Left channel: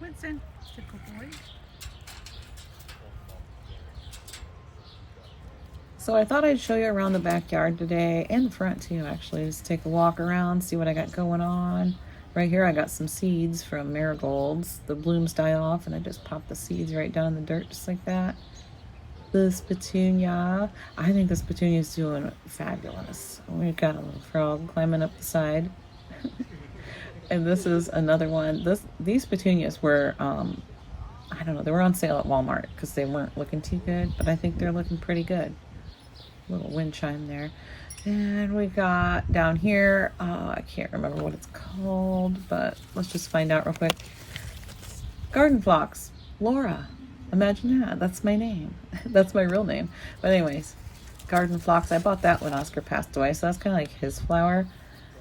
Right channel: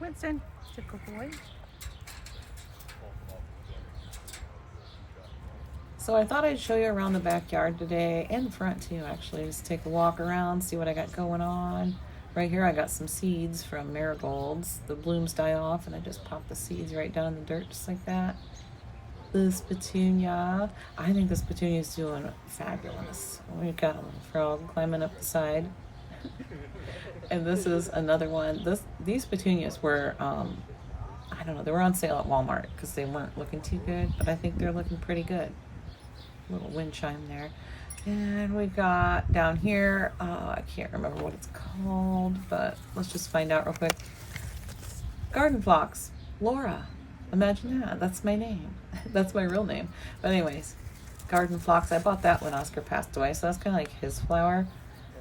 Winston, it's a good boy. So I thought I'd show you around the backyard today, and the front too actually. Just take a walk around, see what I got going on. Right here I got some seeds from marigolds. The blooms die off and I just pop the seeds right down in the dirt just like that. This petunia, I think this petunia is doing fabulous. We've got a little frog climbing up the side. And this is another one. These petunias were I don't know, they were on sale at Walmart because they weren't looking too good, but I think they're looking pretty good. Little wind chime there. And we've got down here, I can't remember what it's called, but let's just find out real quick. Garden Phlox, Laura. Imagine that, that's my name. That's my real name. But anyways, Garden Phlox, I bought that when Oscar passed away, so that's kind of like his flower.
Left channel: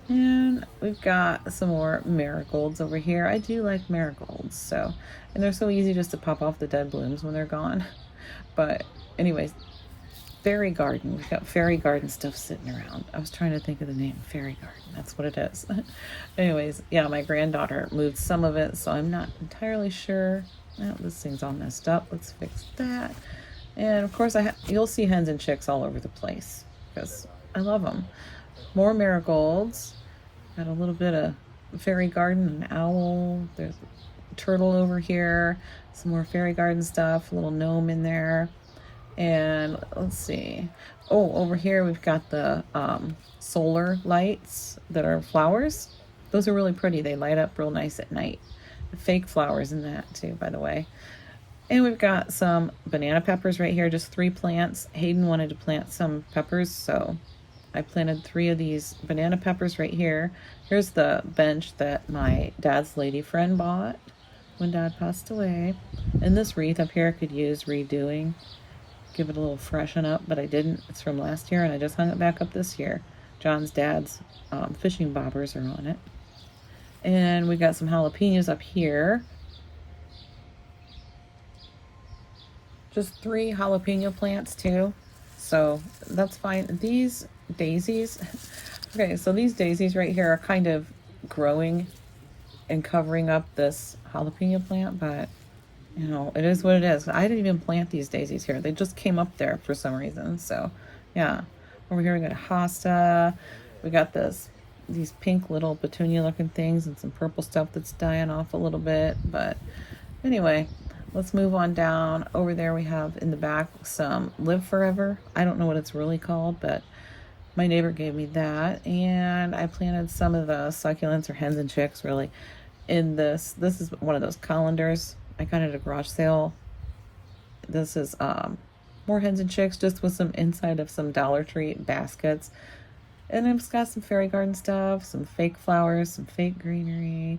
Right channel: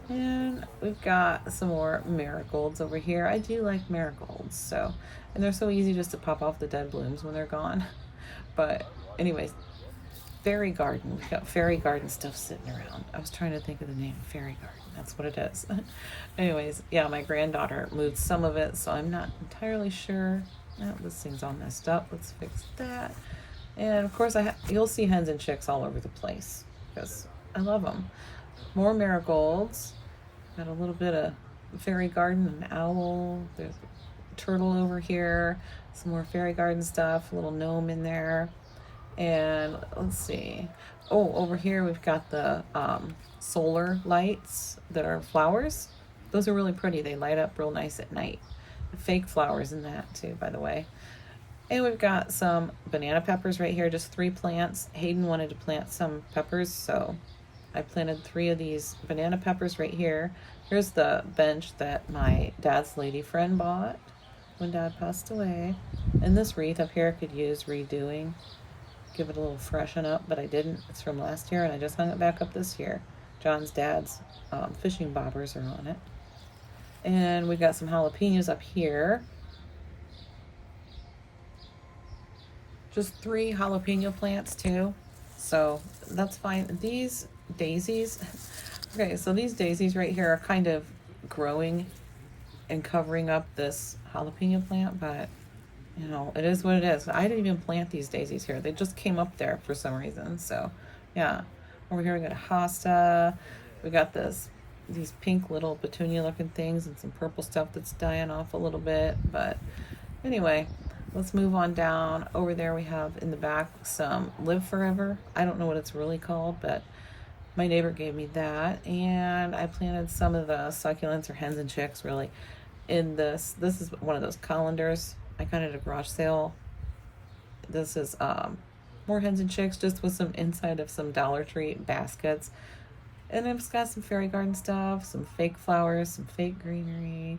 And we've got some more marigolds over here. I do like marigolds, so, and they're so easy just to pop off the dead blooms when they're gone. But anyways, fairy garden. We've got fairy garden stuff sitting around. I was trying to think of the name. Fairy garden. That's what it is. Anyways, yeah, my granddaughter moved some of it, so I'm not entirely sure. Oh, this thing's all messed up. Let's fix that. And of course, you'll see hens and chicks all over the place because I love them. More marigolds. Got a little bit of fairy garden, an owl. There's a turtle over here. Some more fairy garden stuff. A little gnome in there. And let's see. Oh, over here we've got the solar lights that are flowers. Those are really pretty. They light up real nice at night. The fake flowers in that too, by the way. And we've got some banana peppers right here, just 3 plants. Hayden wanted to plant some peppers, so I planted 3 of these banana peppers right here. Here's the bench that my dad's lady friend bought when Dad passed away. And this wreath up here could use redoing. Give it a little freshen up, but I didn't. It's from last year and I just hung it back up this year. John's dad's fishing bobbers are on it. And we've got some jalapenos up here. Just 3 jalapeno plants too, so that's fine. These daisies, okay, so these daisies right here are kind of growing and covering up this jalapeno plant, but you know, it is what it is. I didn't even plant these daisies here. They just came up there for some reason. So yeah, over here we got hosta. We got these pink little petunia looking things and some purple stuff that's dying off a little bit. But anyway, let's move on down. Over there we have in the back some Live Forever. I don't know what it's really called, but my neighbor gave me that. And I planted some of the succulents or hens and chicks really in this. This is one of those colanders I got at a garage sale. This is more hens and chicks just with some inside of some Dollar Tree baskets. And then it's got some fairy garden stuff, some fake flowers, some fake greenery.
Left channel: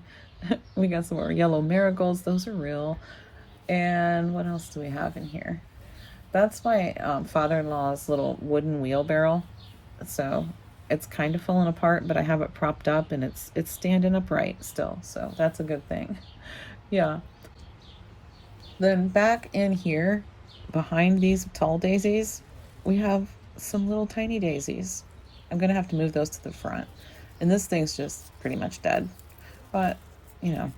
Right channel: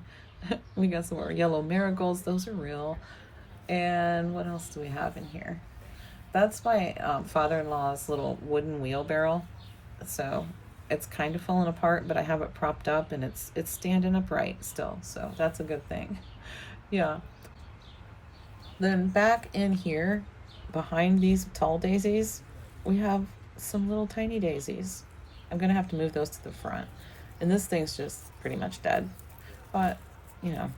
We got some more yellow marigolds. Those are real. And what else do we have in here? That's my father-in-law's little wooden wheelbarrow. So it's kind of falling apart, but I have it propped up and it's standing upright still. So that's a good thing. Yeah. Then back in here, behind these tall daisies, we have some little tiny daisies. I'm gonna have to move those to the front. And this thing's just pretty much dead. But, you know,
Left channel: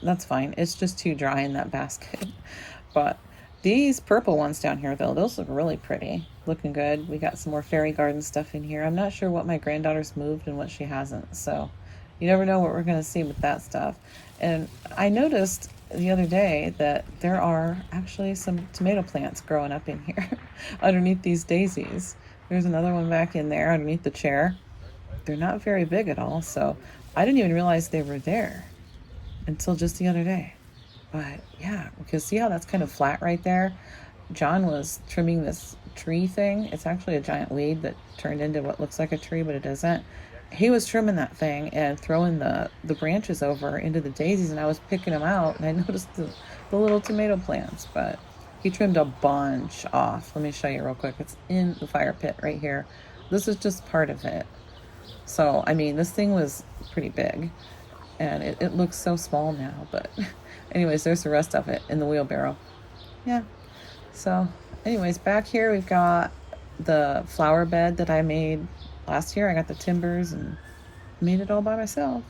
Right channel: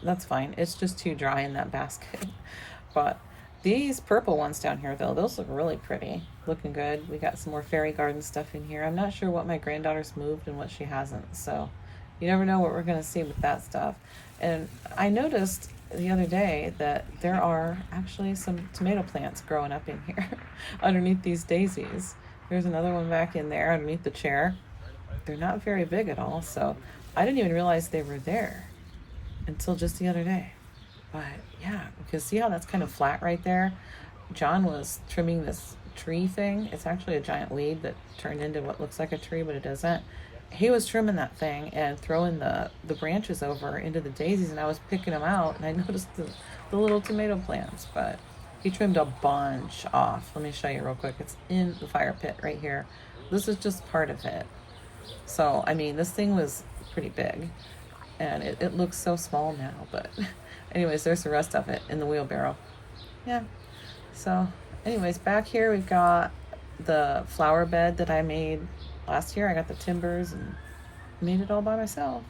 that's fine. It's just too dry in that basket. But these purple ones down here, though, those look really pretty. Looking good. We got some more fairy garden stuff in here. I'm not sure what my granddaughter's moved and what she hasn't. So you never know what we're gonna see with that stuff. And I noticed the other day that there are actually some tomato plants growing up in here underneath these daisies. There's another one back in there underneath the chair. They're not very big at all, so I didn't even realize they were there until just the other day. But yeah, because see how that's kind of flat right there? John was trimming this tree thing. It's actually a giant weed that turned into what looks like a tree, but it doesn't. He was trimming that thing and throwing the branches over into the daisies, and I was picking them out, and I noticed the little tomato plants, but he trimmed a bunch off. Let me show you real quick. It's in the fire pit right here. This is just part of it. So, I mean, this thing was pretty big, and it looks so small now, but anyways, there's the rest of it in the wheelbarrow. Yeah. So, anyways, back here we've got the flower bed that I made last year. I got the timbers and made it all by myself.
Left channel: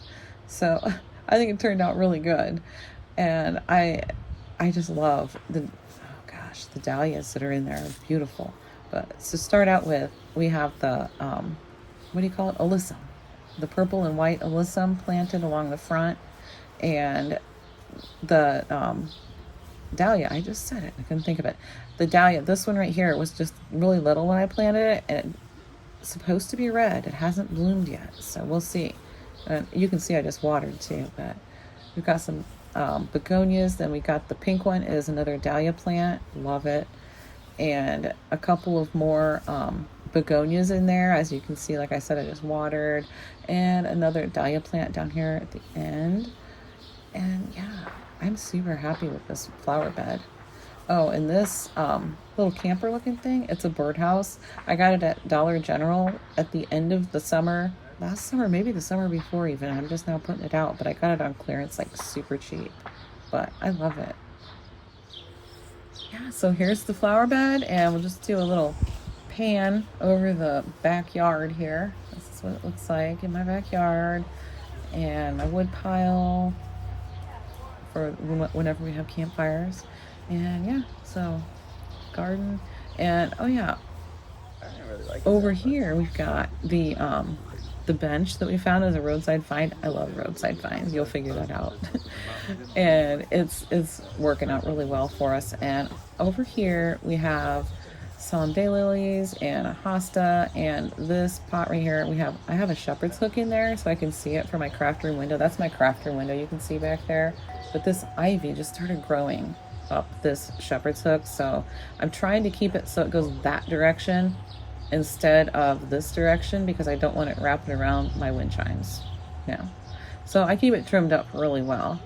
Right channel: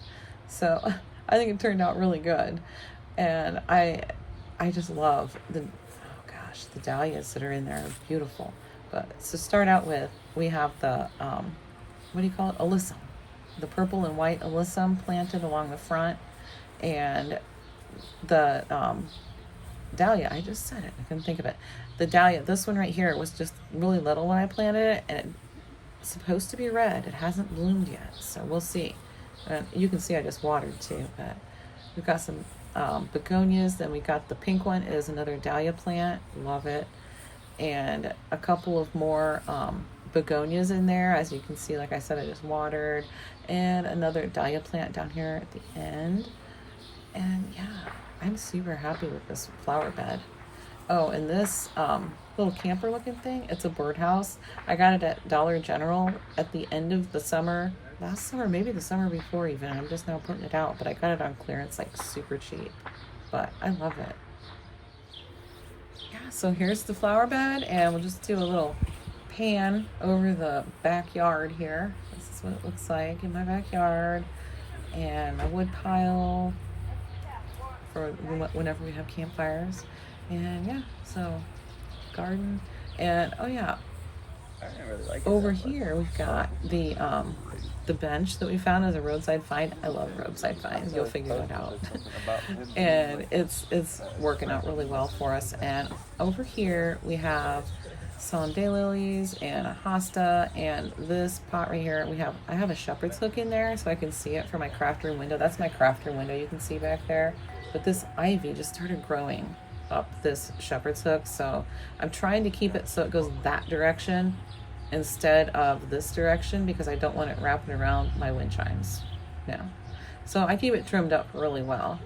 So I think it turned out really good. And I just love the, oh gosh, the dahlias that are in there are beautiful. But to start out with, we have the, what do you call it? Alyssum. The purple and white alyssum planted along the front. And the dahlia, I just said it, I couldn't think of it. The dahlia, this one right here, was just really little when I planted it, and it's supposed to be red. It hasn't bloomed yet, so we'll see. You can see I just watered too, but we've got some begonias. Then we got the pink one is another dahlia plant, love it, and a couple of more begonias in there. As you can see, like I said, I just watered, and another dahlia plant down here at the end. And yeah, I'm super happy with this flower bed. Oh, and this little camper looking thing, it's a birdhouse. I got it at Dollar General at the end of the summer. Last summer, maybe the summer before even. I'm just now putting it out, but I got it on clearance like super cheap. But I love it. Yeah, so here's the flower bed, and we'll just do a little pan over the backyard here. This is what it looks like in my backyard. And my wood pile for whenever we have campfires. And yeah, so garden. And oh yeah, over here we've got the bench that we found as a roadside find. I love roadside finds. You'll figure that out. And it's working out really well for us. And over here we have some daylilies and a hosta, and this pot right here I have a shepherd's hook in there so I can see it from my craft room window. That's my craft room window you can see back there. But this ivy just started growing up this shepherd's hook, so I'm trying to keep it so it goes that direction instead of this direction because I don't want it wrapping around my wind chimes. Yeah, so I keep it trimmed up really well.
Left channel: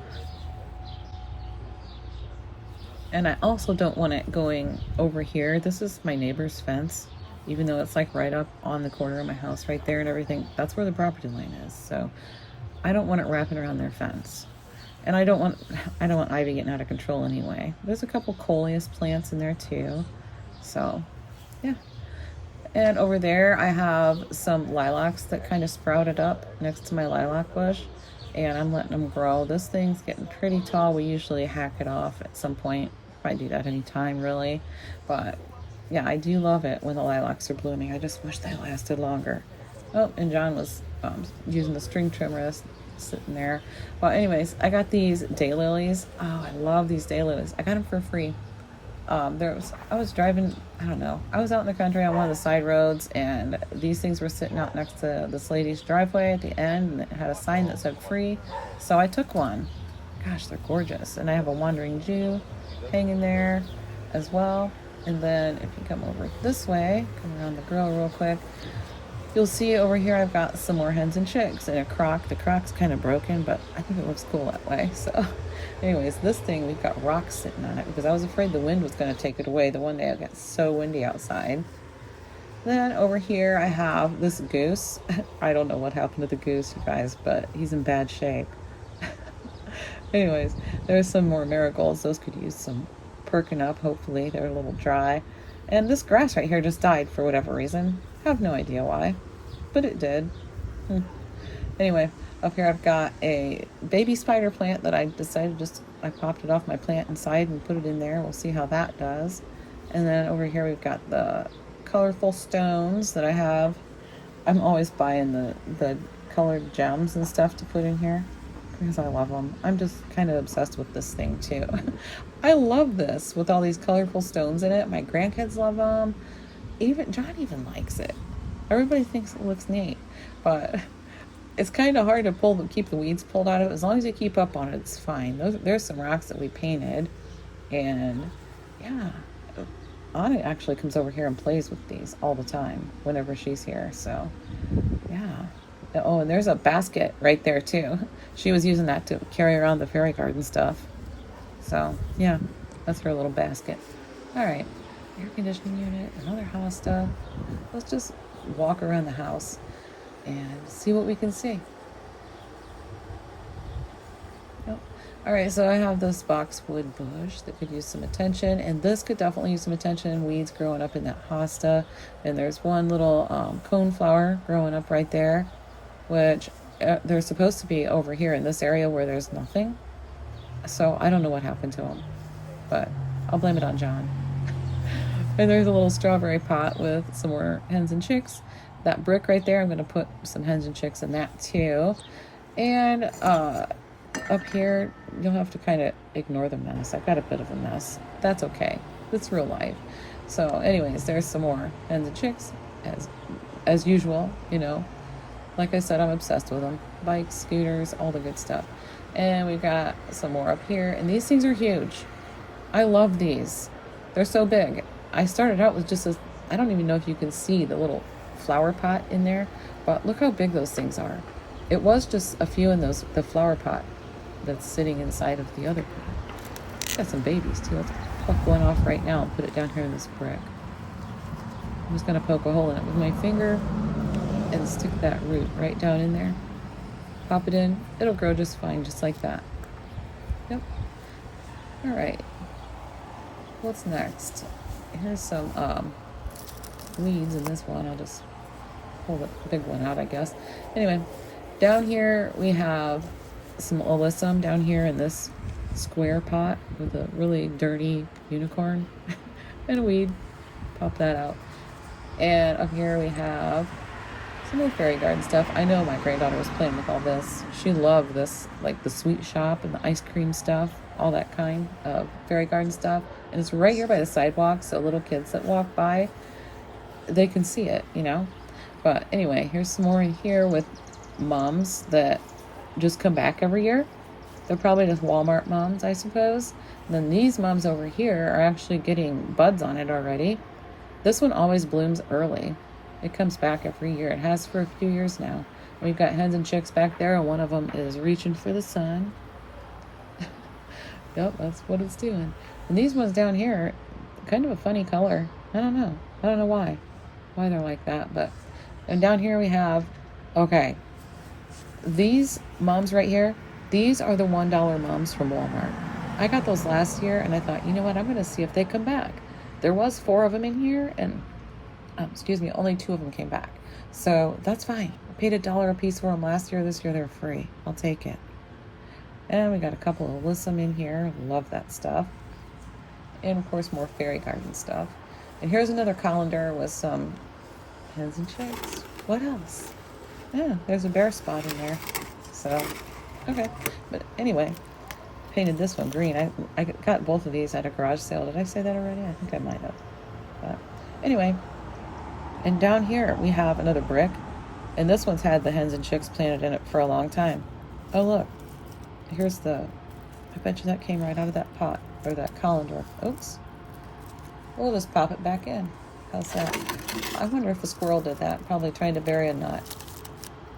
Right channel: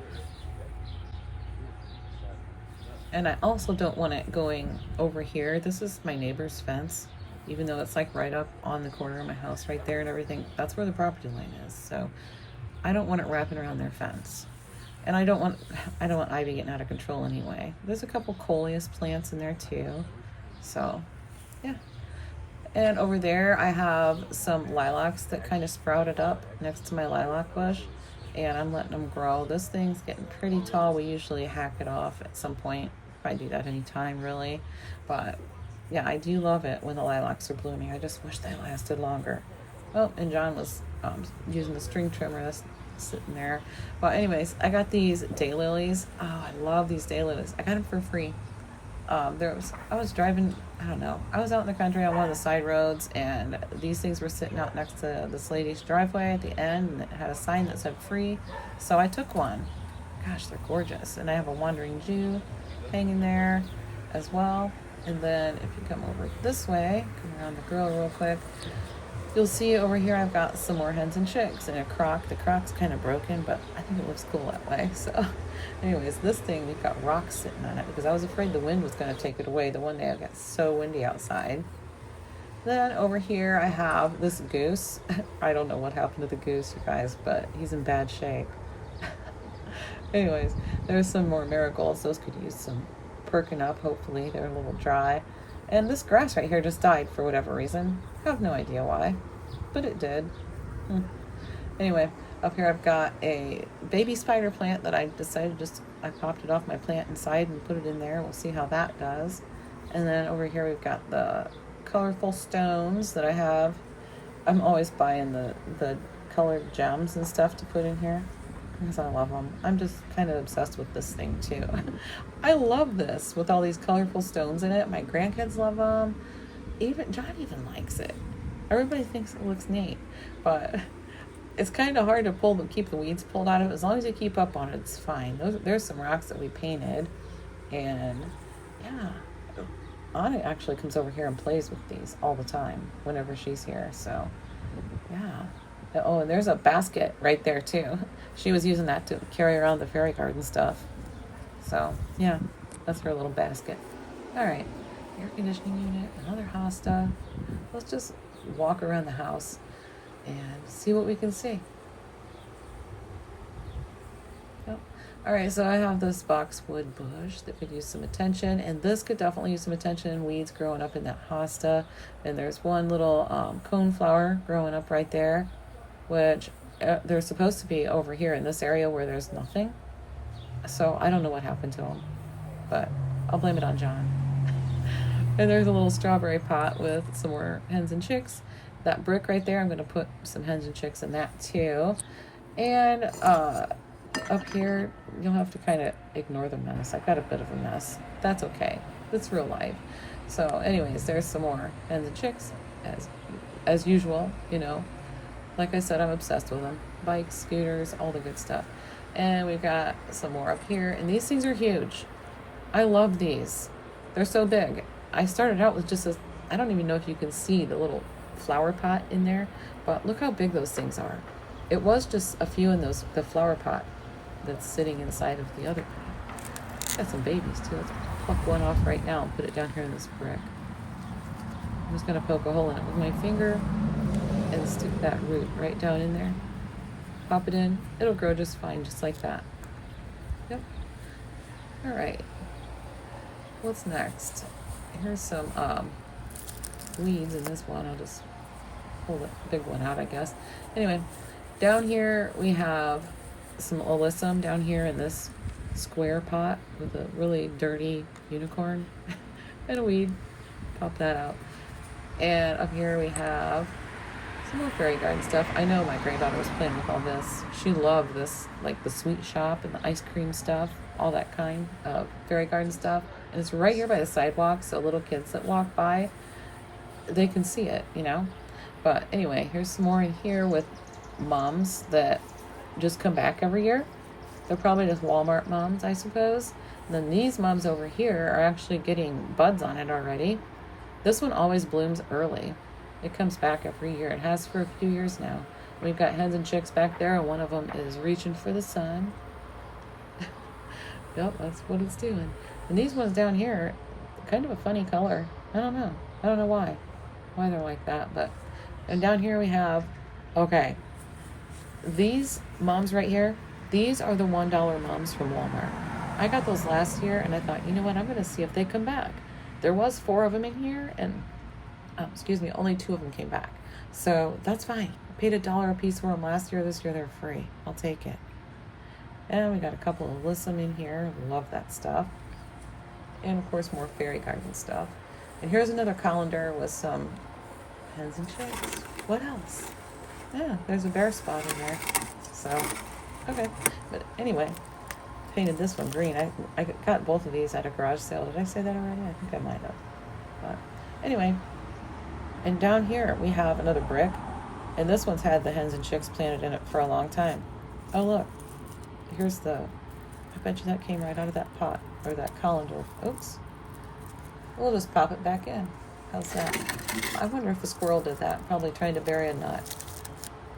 And I also don't want it going over here. This is my neighbor's fence, even though it's like right up on the corner of my house right there and everything. That's where the property line is, so I don't want it wrapping around their fence. And I don't want ivy getting out of control anyway. There's a couple coleus plants in there too. So, yeah. And over there I have some lilacs that kind of sprouted up next to my lilac bush. And I'm letting them grow. This thing's getting pretty tall. We usually hack it off at some point. Might do that anytime really. But yeah, I do love it when the lilacs are blooming. I just wish that lasted longer. Oh, and John was using the string trimmer sitting there. Well, anyways, I got these daylilies. Oh, I love these daylilies. I got them for free. I was driving, I don't know, I was out in the country on one of the side roads, and these things were sitting out next to this lady's driveway at the end, and it had a sign that said free, so I took one. Gosh, they're gorgeous. And I have a wandering Jew hanging there as well. And then if you come over this way, come around the grill real quick, you'll see over here I've got some more hens and chicks and a crock. The crock's kind of broken, but I think it looks cool that way. So anyways, this thing, we've got rocks sitting on it because I was afraid the wind was going to take it away. The one day it got so windy outside. Then over here I have this goose. I don't know what happened to the goose, you guys, but he's in bad shape. Anyways, there's some more marigolds. Those could use some perking up, hopefully. They're a little dry. And this grass right here just died for whatever reason. I have no idea why, but it did. Anyway, up here I've got a baby spider plant that I decided I popped it off my plant inside and put it in there. We'll see how that does. And then over here we've got the colorful stones that I have. I'm always buying the colored gems and stuff to put in here because I love them. I'm just kind of obsessed with this thing too. I love this with all these colorful stones in it. My grandkids love them. John even likes it. Everybody thinks it looks neat, but it's kind of hard to keep the weeds pulled out of it. As long as you keep up on it, it's fine. There's some rocks that we painted, and yeah, Anna actually comes over here and plays with these all the time whenever she's here. So yeah. Oh, and there's a basket right there too. She was using that to carry around the fairy garden stuff. So yeah, that's her little basket. All right, air conditioning unit, another hosta. Let's just walk around the house and see what we can see. Oh. All right, so I have this boxwood bush that could use some attention, and this could definitely use some attention. Weeds growing up in that hosta, and there's one little coneflower growing up right there, which they're supposed to be over here in this area where there's nothing. So I don't know what happened to them, but I'll blame it on John. And there's a little strawberry pot with some more hens and chicks. That brick right there, I'm going to put some hens and chicks in that too. And up here, you'll have to kind of ignore the mess. I've got a bit of a mess. That's okay. It's real life. So anyways, there's some more hens and chicks as usual, you know. Like I said, I'm obsessed with them. Bikes, scooters, all the good stuff. And we've got some more up here. And these things are huge. I love these. They're so big. I started out with just I don't even know if you can see the little flower pot in there, but look how big those things are. It was just a few in the flower pot that's sitting inside of the other pot. Got some babies too. Let's poke one off right now and put it down here in this brick. I'm just going to poke a hole in it with my finger and stick that root right down in there. Pop it in. It'll grow just fine, just like that. Yep. Alright. What's next? Here's some weeds in this one. I'll just pull the big one out, I guess. Anyway, down here we have some alyssum down here in this square pot with a really dirty unicorn and a weed. Pop that out. And up here we have some more fairy garden stuff. I know my granddaughter was playing with all this. She loved this, like the sweet shop and the ice cream stuff, all that kind of fairy garden stuff. And it's right here by the sidewalk, so little kids that walk by, they can see it, you know. But anyway, here's some more in here with mums that just come back every year. They're probably just Walmart mums, I suppose. And then these mums over here are actually getting buds on it already. This one always blooms early. It comes back every year. It has for a few years now. We've got hens and chicks back there, and one of them is reaching for the sun. Yep, that's what it's doing. And these ones down here, kind of a funny color. I don't know why they're like that. But and down here we have, okay, these mums right here. These are the $1 mums from Walmart. I got those last year, and I thought, you know what? I'm going to see if they come back. There was 4 of them in here, and only 2 of them came back. So that's fine. I paid $1 a piece for them last year. This year they're free. I'll take it. And we got a couple of alyssum in here. Love that stuff. And of course more fairy garden stuff. And here's another colander with some hens and chicks. What else? Yeah, there's a bare spot in there. So, okay. But anyway, painted this one green. I got both of these at a garage sale. Did I say that already? I think I might have. But anyway, and down here we have another brick. And this one's had the hens and chicks planted in it for a long time. Oh look, here's I bet you that came right out of that pot, or that colander. Oops. We'll just pop it back in. How's that? I wonder if a squirrel did that. Probably trying to bury a nut.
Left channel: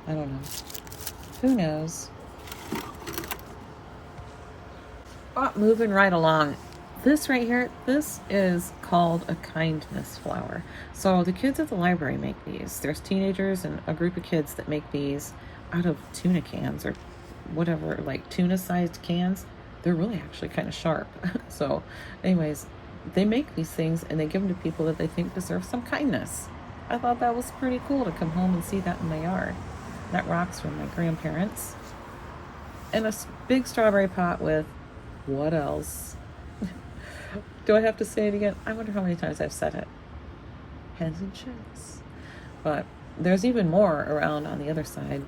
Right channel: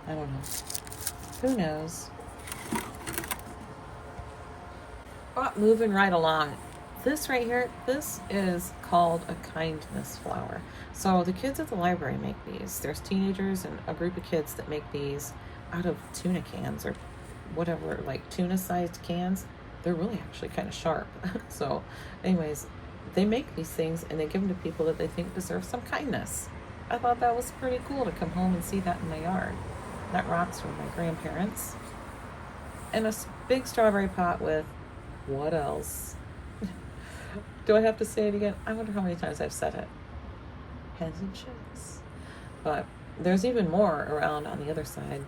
I don't know. Who knows? But moving right along. This right here, this is called a kindness flower. So the kids at the library make these. There's teenagers and a group of kids that make these out of tuna cans or whatever, like tuna-sized cans. They're really actually kind of sharp. So anyways, they make these things and they give them to people that they think deserve some kindness. I thought that was pretty cool to come home and see that in my yard. That rocks from my grandparents. And a big strawberry pot with what else? Do I have to say it again? I wonder how many times I've said it. Hens and chicks. But there's even more around on the other side.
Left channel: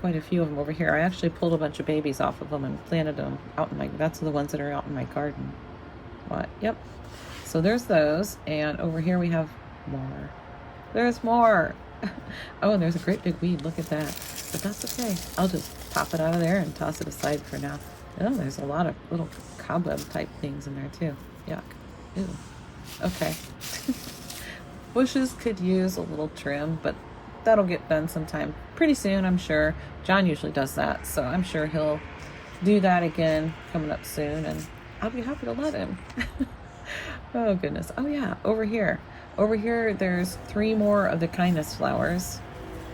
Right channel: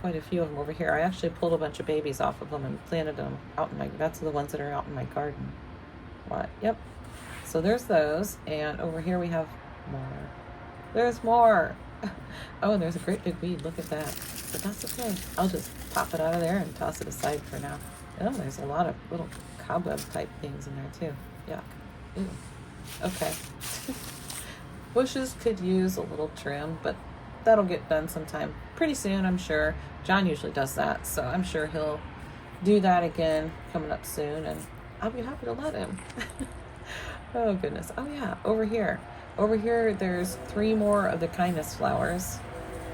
Quite a few of them over here. I actually pulled a bunch of babies off of them and planted them out in that's the ones that are out in my garden. But, yep. So there's those. And over here we have more. There's more. Oh, and there's a great big weed. Look at that. But that's okay. I'll just pop it out of there and toss it aside for now. Oh, there's a lot of little cobweb type things in there too. Yuck. Ew. Okay. Bushes could use a little trim, but that'll get done sometime pretty soon, I'm sure. John usually does that, so I'm sure he'll do that again coming up soon, and I'll be happy to let him. Oh goodness. Oh yeah, over here. Over here there's 3 more of the kindness flowers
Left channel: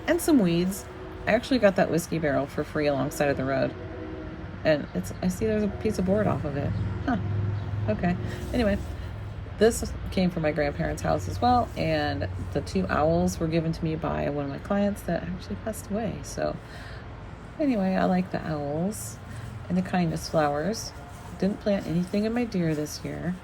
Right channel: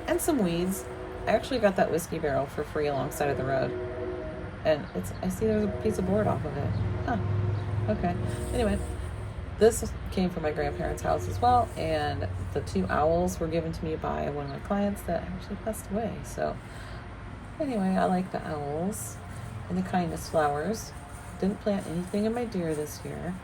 and some weeds. I actually got that whiskey barrel for free alongside of the road. And I see there's a piece of board off of it. Huh. Okay. Anyway, this came from my grandparents' house as well, and the 2 owls were given to me by one of my clients that actually passed away. So anyway, I like the owls and the kindness flowers. Didn't plant anything in my deer this year.